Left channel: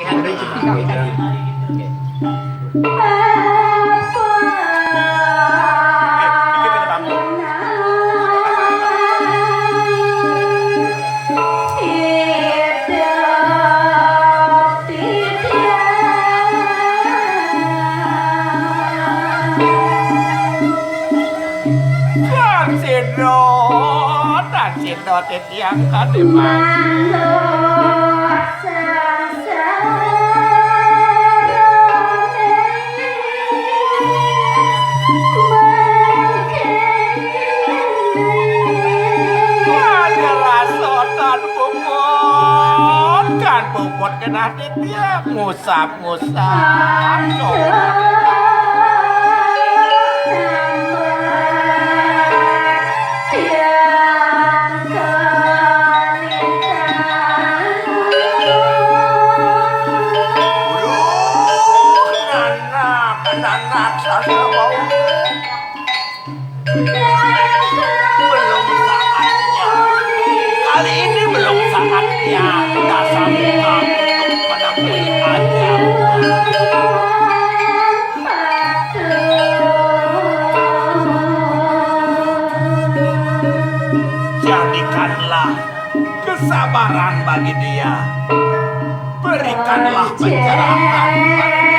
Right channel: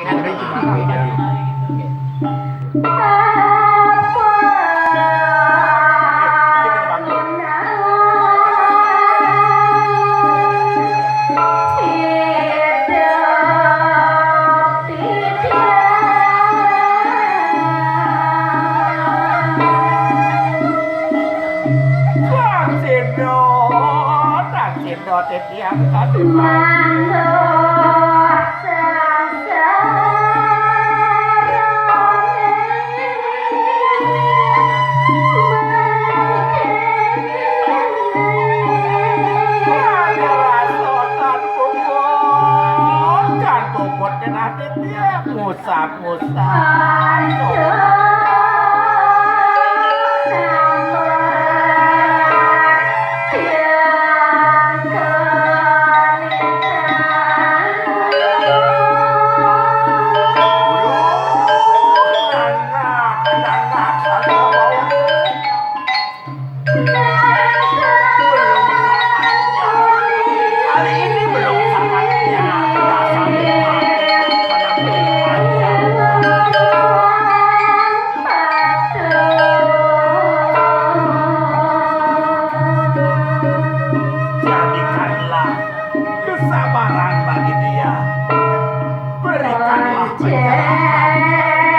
Ada cuma beda. Iki penyebabnya. Tak sedot tiap kali ada rasotan bobot kan bobot kena tiap ngusap-ngusap anak saya mau belum saatnya kali ini belum saatnya dasar muka untuk menemui aja jadikanlah kesabaran bagi dia berikanlah pencerahan